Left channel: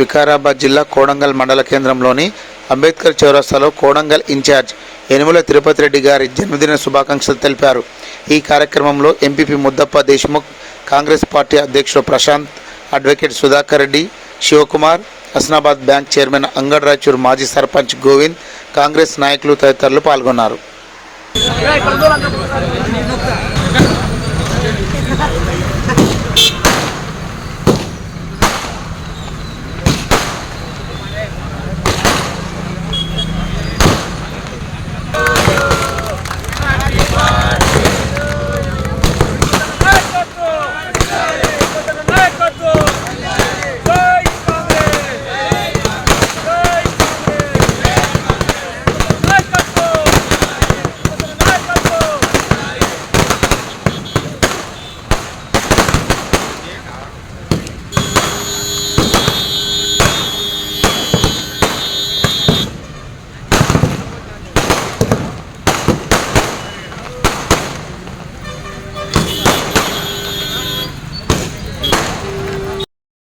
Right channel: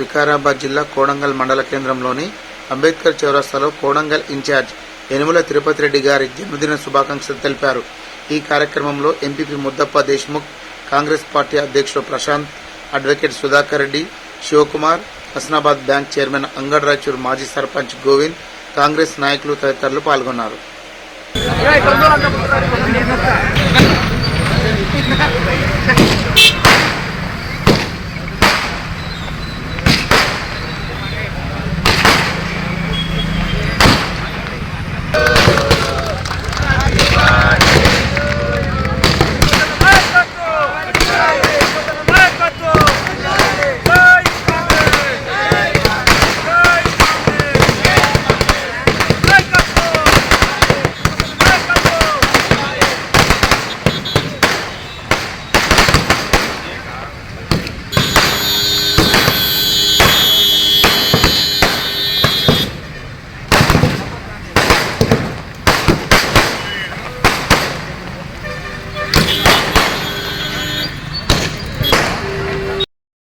వికారాబాద్ జిల్లా కోడంగల్ మండల కేంద్రంలోని అంబేద్కర్ చౌరస్తాలో కోడంగల్ ఇన్ఛార్జ్ యనుమల తిరుపతి రెడ్డి గారి జన్మదిన శుభాకాంక్షలు తెలిపారు. ఈ కార్యక్రమంలో ఎంపీపీ ముద్దప్ప దేశ్ముఖ్, కాంగ్రెస్ పార్టీ అధ్యక్షుడు Prashanth, advocate Sudhakar Reddy, Shivakumar, Hasnabad bank chairman Angad Raichur, మాజీ సర్పంచ్ గోవింద్, కాంగ్రెస్ నాయకులు తదితరులు పాల్గొన్నారు.